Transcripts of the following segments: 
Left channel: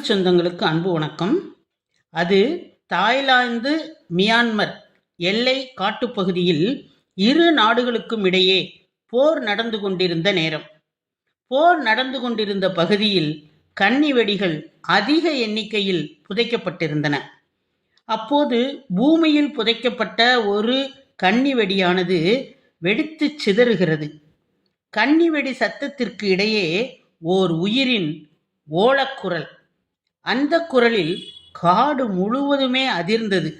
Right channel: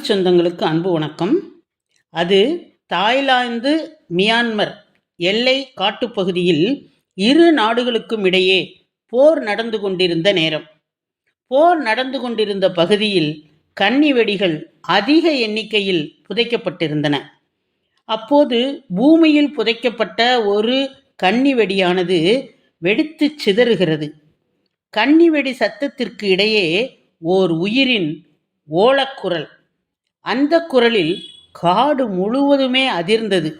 தமிழ் சொந்தங்களுக்கு அன்பு வணக்கம். அது தாய்லாந்து மியான்மர் எல்லை காட்டுப்பகுதியில் இரு நாடுகளுக்கும் இடையே போர் நடந்து கொண்டிருந்த நேரம். போர் நடந்து கொண்டிருந்த பகுதியில் கன்னி வெடிகள் அதிக எண்ணிக்கையில் புதைக்கப்பட்டிருந்தன. அப்போது பூமியில் புதைக்கப்பட்ட ஒரு கன்னி வெடியானது வெடித்து சிதறுகிறது. கன்னி வெடி சத்தத்திற்கு இடையே ஓர் உயிரின் ஓலக்குரல். அந்த குரலில் காடு முழுவதுமே அதிர்ந்தது.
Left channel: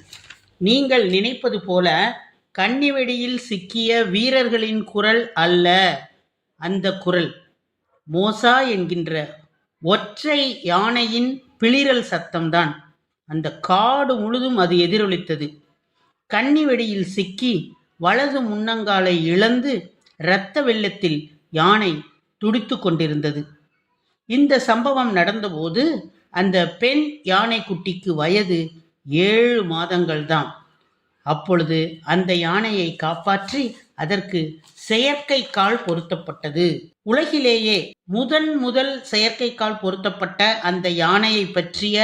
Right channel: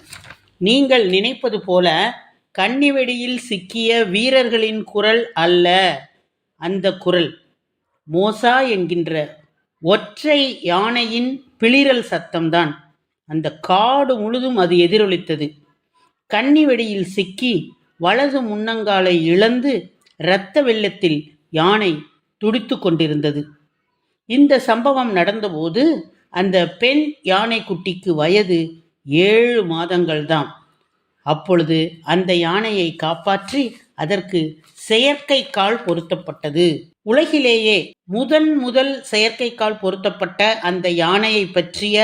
நீங்கள் நினைப்பது போல கன்னிவெடியில் சிக்கிய வீரர்களின் குரல் அல்ல. அந்த குரல் மோசா என்கின்ற ஒற்றை யானையின் பிளிரல் சத்தம்தான். அந்த காடு முழுதும் அது எதிரொலித்தது. கன்னிவெடியில் சிக்கி வலது முன்னங்காலை இழந்து இரத்த வெள்ளத்தில் யானை துடித்து கொண்டிருந்தது. இந்த சம்பவம் நடந்தபோது அந்த பெண் யானைக்குட்டிக்கு வயது 7 மாதங்கள் தான். அப்பொழுது அந்த யானையை காப்பாற்றி அதற்கு செயற்கை கால் பொருத்தப்பட்டது. உலகிலேயே முதல் செயற்கைக்கால் பொருத்தப்பட்ட அந்த யானையை பற்றிய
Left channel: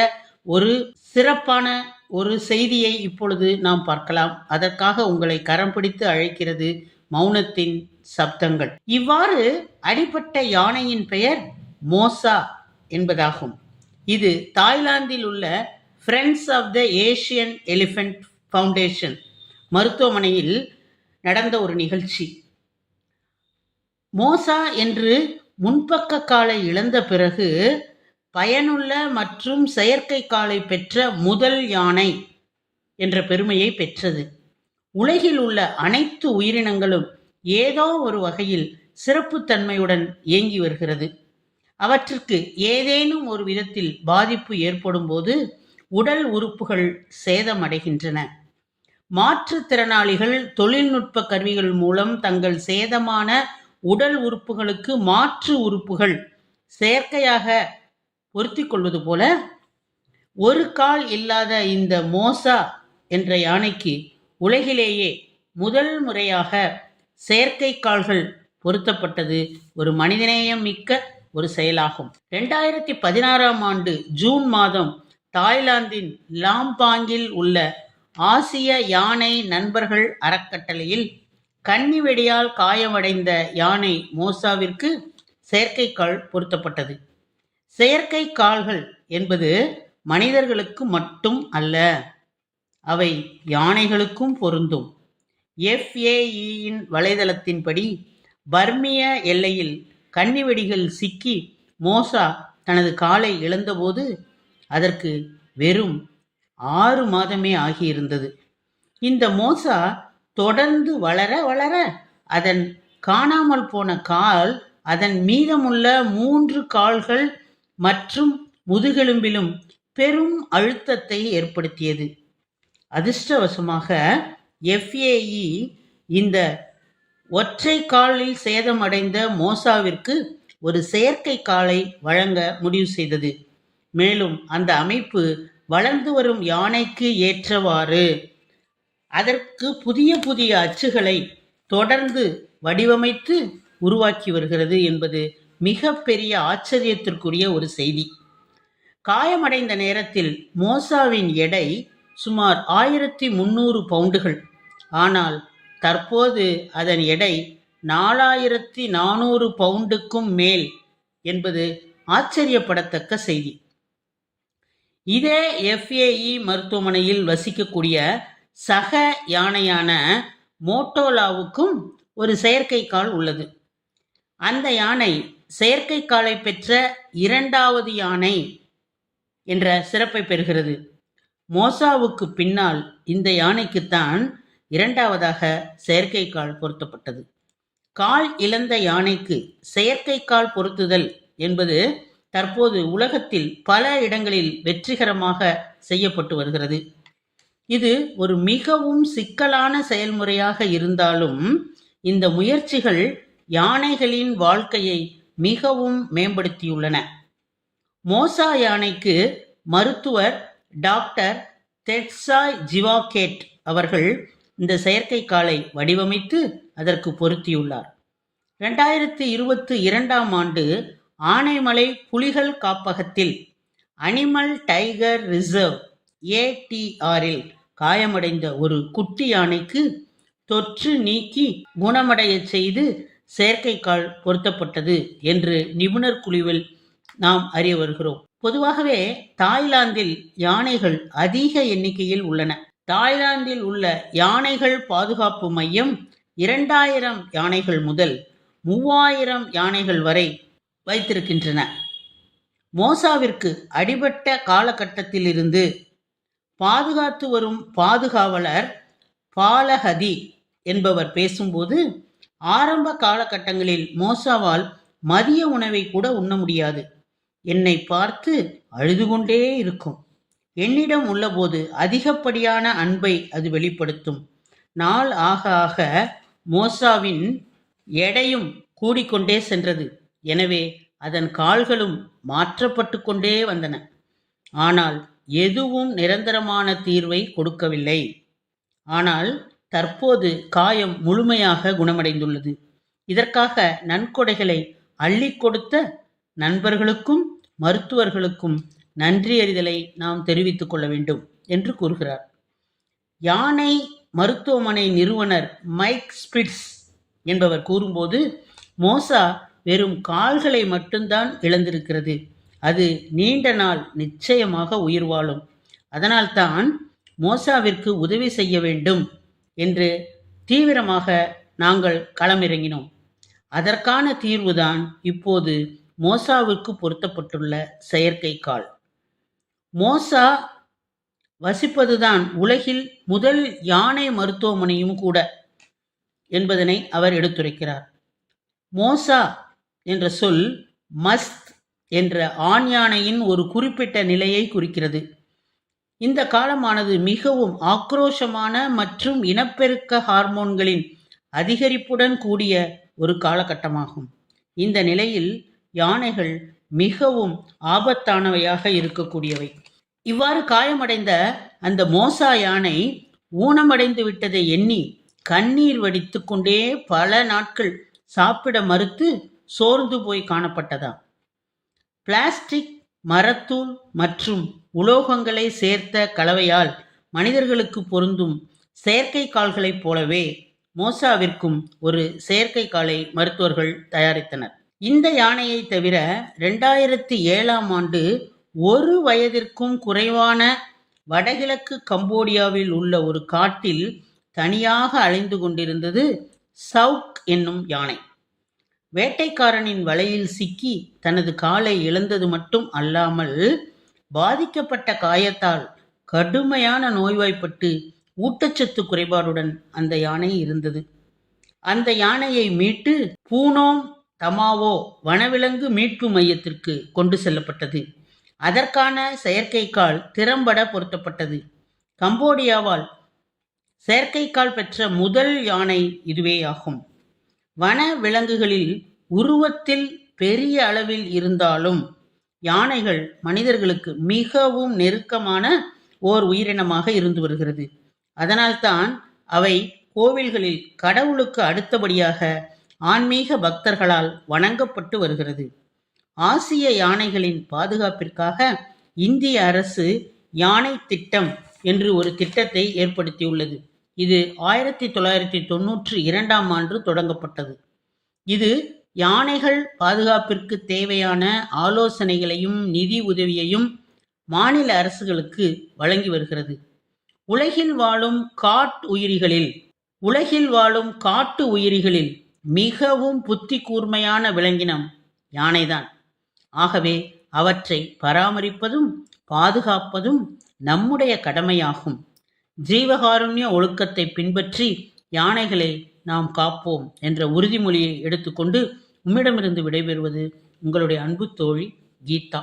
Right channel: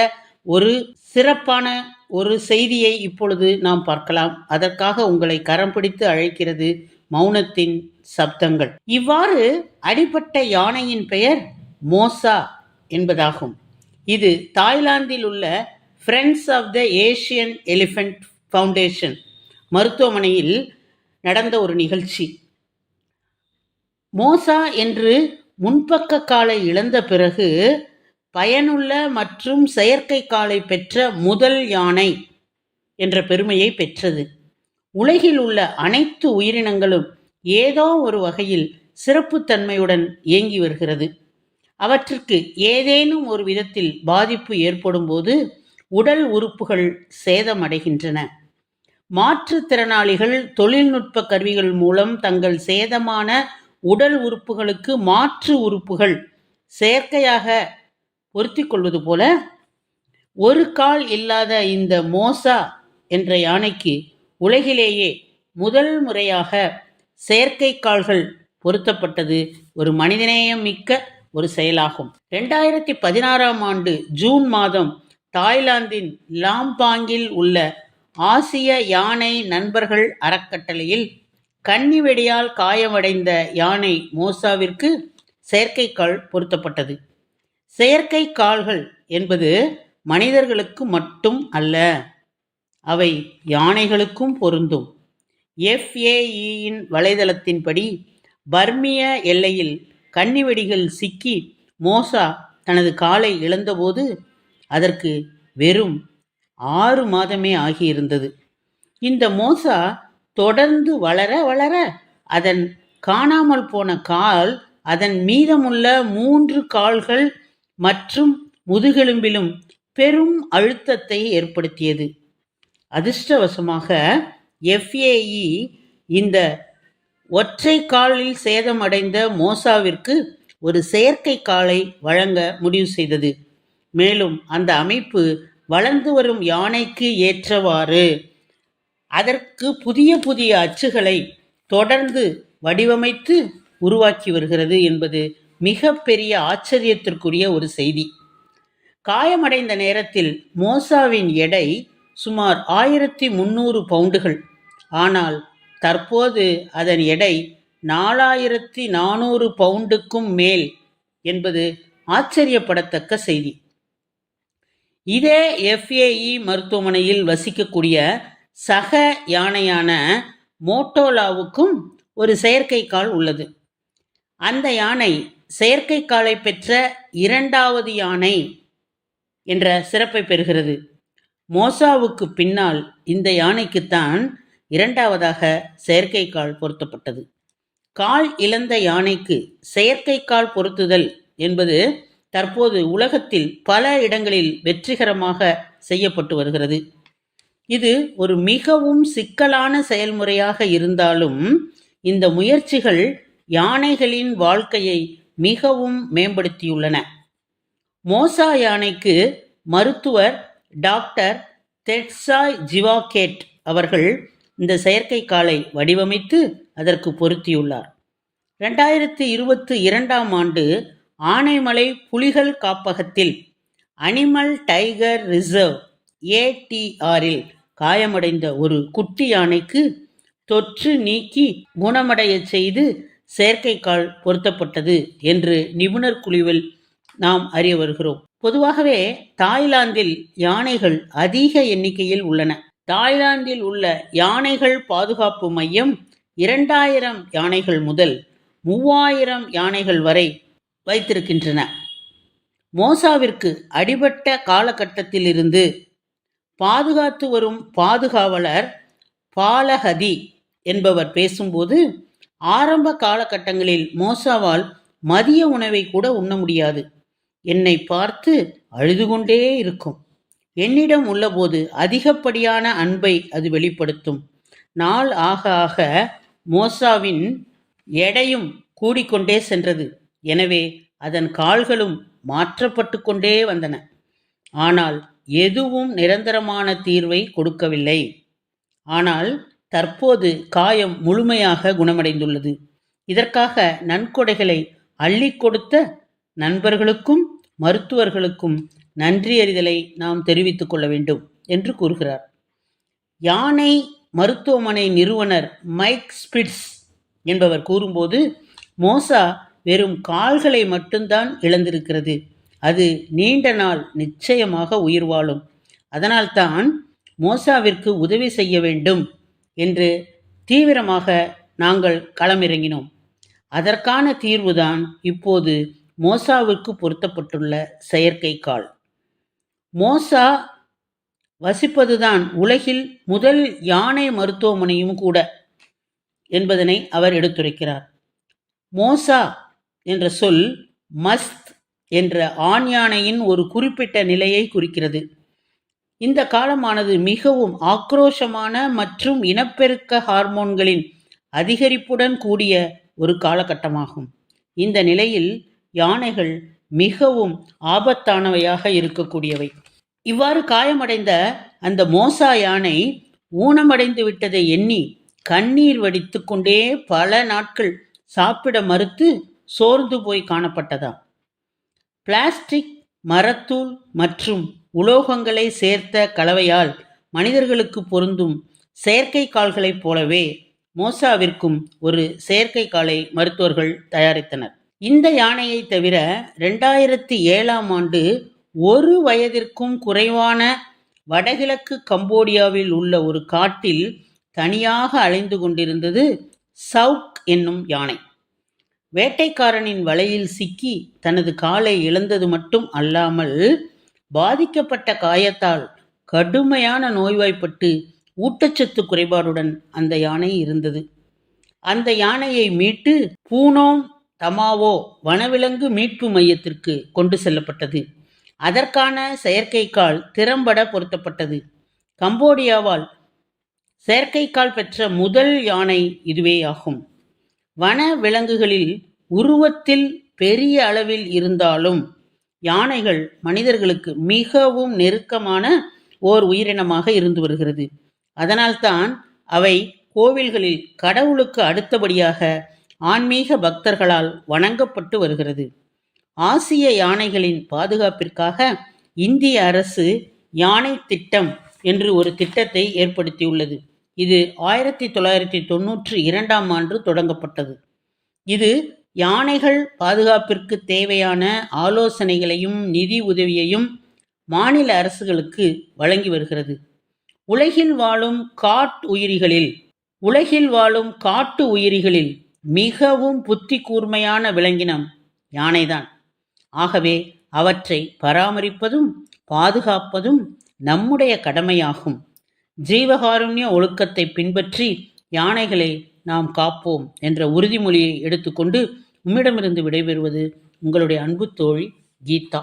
ஒரு சிறப்பான ஒரு செய்தியை இப்பொழுது நாம் பார்க்கலாம். அதற்காக உங்களை கரம் பிடித்து அழைக்கிறது மௌனத்தின் சப்தங்கள். இவ்வாறு அடிபட்ட யானையின் பெயர் மோசா என்பதாகும். இது தாய்லாந்தில் உள்ள Friends of the Asian Elephant Foundation மருத்துவமனையில் நடந்த ஒரு நிகழ்ச்சி. மோசா என்று முன்பக்க காலை இழந்த பிறகு பயனுள்ள மற்றும் செயற்கை காலை பெற்ற முதல் யானை என்ற பெருமையை பெற்றது. உலகில் உள்ள அனைத்து உயிரினங்களும் ஏதோ ஒரு வகையில் சிறப்புத்தன்மையுடன் இயங்கி வருகிறது. அவற்றுக்கு ஏதேனும் ஒரு விதத்தில் பாதிப்பு ஏற்படும் போது உடல் உறுப்புகள் சேதமடைகின்றன. மாற்றுத்திறனாளிகள் தொழில்நுட்ப கருவிகள் மூலம் தங்கள் சேதமான உடல் உறுப்புகளுக்கு மாற்று உறுப்புகள் செயற்கையாக பொருத்தி கொள்வது போல ஒரு கால் இல்லாத இந்த மோசா என்ற யானைக்கு உலகிலேயே முதல் முறையாக செயற்கை கால்கள் பொருத்தப்பட்டது ஒரு மனிதநேயம் மிக்க ஒரு செயலாகும். 2016ஆம் ஆண்டு ஜூன் மாதம் தாய்லாந்தின் லாம்பாங்கில் உள்ள ஆசிய யானை நண்பர்கள் அறக்கட்டளையில் கன்னிவெடியால் காயமடைந்த யானை மோசாவிற்கு செயற்கை கால் பொருத்தப்பட்டது. செயற்கை கால்கள் என்பது மனிதர்களுக்கு மட்டும் அல்ல, அவை யானைகளுக்கும் பொருந்தும். FAEயின் வலைதளத்தின்படி பர்மிய எல்லையில் கன்னிவெடிகள் சிக்கி மோசா தனது காலை இழந்தபோது அதற்கு வெறும் 6 மாதமே ஆகியிருந்தது. இந்த மோசா தொடர்ந்து வளர வளர அதன் காணாமல் போன கால் அதன் மீதமுள்ள 3 கால்கள் மற்றும் முதுகெலும்பிலும் பெரும் அழுத்தத்தை ஏற்படுத்தியது. அதிர்ஷ்டவசமாக FAE இந்த ஒற்றை காலில் சேதமடைந்த மோசாவிற்கு ஒரு செயற்கை காலை வழங்க முடிவு செய்தது. மேலும் அந்த அமைப்பு வளர்ந்து வரும் யானைக்கு ஏற்றவாறு அதற்கு புதிய அச்சுகளை தொடர்ந்து வடிவமைத்து உருவாக்கி வருகிறது என்பது மிக பெரிய ஆச்சரியத்திற்குரிய ஒரு செய்தி. காயமடைந்த நேரத்தில் மோசாவின் எடை சுமார் 1300 பவுண்டுகள். ஆனால் தற்போது அதன் எடை 4400 பவுண்டுக்கும் மேல் என்பது ஆச்சரியப்படத்தக்க செய்தி. இதே FAE மருத்துவமனையில் வசிக்கக்கூடிய சக யானையான மோட்டோலாவுக்கும் ஒரு செயற்கை கால் உள்ளது. அந்த யானை செயற்கை காலை பெற்ற 2வது யானை என்ற சிறப்பை பெறுகிறது. மோசாவுக்கு பின்னால் இந்த யானைக்குத்தான் 2வதாக செயற்கை கால் பொருத்தப்பட்டது. கால் இழந்த யானைக்கு செயற்கை கால் பொருத்துதல் என்பது தற்போது உலகத்தில் பல இடங்களில் வெற்றிகரமாக செய்யப்பட்டு வருகிறது. இது ஒரு மிகவும் சிக்கலான செயல்முறையாக இருந்தாலும் இந்த முயற்சிகள் யானைகளின் வாழ்க்கையை மிகவும் மேம்படுத்தியுள்ளன. மோசா யானைக்கு மருத்துவர் டாக்டர் தெட்சாய் ஜிவாகேட் அவர்கள் இந்த செயற்கை காலை வடிவமைத்து அதற்கு பொருத்தியுள்ளார். 2022ஆம் ஆண்டு ஆனைமலை புலிகள் காப்பகத்தில் அனிமல் டைகர் ரிசர்வ் ATRல் காயமடைந்த ஒரு குட்டி யானைக்கு தொற்று நீக்கி குணமடைய செய்து செயற்கைக்கால் பொருத்தப்பட்டது என்று நிபுணர் குழுவில் நாம் அறிய வருகிறோம். பொதுவாகவே தாய்லாந்தில் யானைகள் அதிக எண்ணிக்கையில் உள்ளன. தாய்லாந்தில் உள்ள யானைகள் பாதுகாப்பு மையம் 2000 யானைகள் முதல் 3000 யானைகள் வரை வைத்திருக்கின்றன. மோசாவிற்கு அடிபட்ட காலகட்டத்திலிருந்து பாதுகாத்து வரும் பாதுகாவலர் பாலஹதி என்பவர் பேசும்போது, ஆரம்ப காலகட்டங்களில் மோசாவால் மதிய உணவை கூட உண்ண முடியாது. என்னை பார்த்து அழுது கொண்டே இருக்கும். என்னிடம் உள்ளபோது அதிகப்படியான அன்பை அது வெளிப்படுத்தும். நாள் ஆக ஆக மோசாவின் எடையும் கூடிக்கொண்டே சென்றது. எனவே அதன் கால்களும் மாற்றப்பட்டு கொண்டே வந்தன. ஆனால் எதுவும் நிரந்தரமான தீர்வை கொடுக்கவில்லை. ஆனால் தற்போது காயம் முழுமையாக குணமடைந்துள்ளது. இதற்காக நன்கொடைகளை அள்ளி கொடுத்த நண்பர்களுக்கும் மருத்துவர்களுக்கும் நன்றியறிதலை நாம் தெரிவித்துக் கொள்ள வேண்டும் என்று கூறுகிறார். யானை மருத்துவமனை நிறுவனர் மைக் ஸ்பிட்ஸ் என்பவர் கூறும்போது, மோசா வெறும் கால்களை மட்டும்தான் இழந்திருக்கிறது. அது நீண்ட நாள் நிச்சயமாக உயிர் வாழும். அதனால்தான் மோசாவிற்கு உதவி செய்ய வேண்டும் என்று தீவிரமாக நாங்கள் களமிறங்கினோம். அதற்கான தீர்வுதான் இப்போது மோசாவிற்கு பொருத்தப்பட்டுள்ள செயற்கை கால். மோசா வசிப்பதுதான் உலகில் முதல் யானை மருத்துவமனையும் கூட என்பதனை அவர் எடுத்துரைக்கிறார். மோசா என்ற சொல் மஸ்த் என்ற ஆண் யானையின் ஒரு குறிப்பிட்ட நிலையை குறிக்கிறது. இந்த காலமானது மிகவும் ஆக்ரோஷமான மற்றும் இனப்பெருக்க ஹார்மோன்களின் அதிகரிப்புடன் கூடிய ஒரு காலகட்டமாகும். இந்த நிலையில் யானைகள் மிகவும் ஆபத்தானவையாக இருக்கக்கூடியவை. இவ்வாறு காயமடைந்த அந்த மோசா யானை ஊனமடைந்து விட்டதை எண்ணி கண்ணீர் வடித்து கொண்டே பல நாட்கள் சாப்பிட மறுத்து சோர்ந்து போய் காணப்பட்டதாம். பிளாஸ்டிக், மரத்தூள் மற்றும் உலோகங்களை சேர்த்த கலவையால் மனிதர்களுக்கு பொருந்தும் செயற்கை கால்களைப் போலவே மோசாவிற்கும் ஒரு செயற்கை காலை மருத்துவர்கள் தயாரித்தனர். இந்த யானையை தவிர 2007ஆம் ஆண்டு 1 வயதிற்கும் குறைவான வடகிழக்கு கம்போடியாவில் உள்ள ஒரு காட்டில் தனியாக அலைந்து கொண்டிருந்தது சவுக் என்னும் யானை. வேட்டைக்காரனின் வலையில் சிக்கி தனது காலை இழந்தது மட்டும் அல்லாமல் பாதிக்கப்பட்ட காயத்தால் கடுமையான நோய்வாய்ப்பட்டு ஊட்டச்சத்து குறைபாடுடன் அந்த யானை இருந்தது. அந்த யானையை மீட்டு பூனோம் தமாவோ வனவிலங்கு மீட்பு மையத்திற்கு கொண்டு செல்லப்பட்டது. அதற்கான செயற்கைக்கால் திறம்பட பொருத்தப்பட்டது. கம்போடியாவால் செயற்கைக்கால் பெற்ற முதல் யானை இதுவே ஆகும். வன விலங்குகளில் உருவத்தில் பெரிய அளவில் இருந்தாலும் யானைகள் மனிதர்களுக்கு மிகவும் நெருக்கமான ஓர் உயிரினமாக இருந்து வருகிறது. அதனால்தான் அவை கோவில்களில் கடவுளுக்கு அடுத்தபடியாக ஆன்மீக பக்தர்களால் வணங்கப்பட்டு வருகிறது. ஆசிய யானைகளின் பாதுகாப்பிற்காக இந்திய அரசு யானை திட்டம் என்று ஒரு திட்டத்தை ஏற்படுத்தியுள்ளது. இது 1992ஆம் ஆண்டு தொடங்கப்பட்டது. இது யானைகள் பாதுகாப்பிற்கு தேவையான ஆலோசனைகளையும் நிதி உதவியையும் மாநில அரசுகளுக்கு வழங்கி வருகிறது. உலகில் வாழும் காட்டு உயிரிகளில் மிகவும் புத்தி கூர்மையான விலங்கினம் யானைதான். ஆகவே அவற்றை பராமரிப்பதும் பாதுகாப்பதும் நம்முடைய கடமையாகும். ஜீவகாருண்ய ஒழுக்கத்தை பின்பற்றி யானைகளை நாம் காப்போம் என்ற உறுதிமொழியை எடுத்துக்கொண்டு உம்மிடமிருந்து விடைபெறுவது உங்களுடைய அன்பு தோழி கீதா.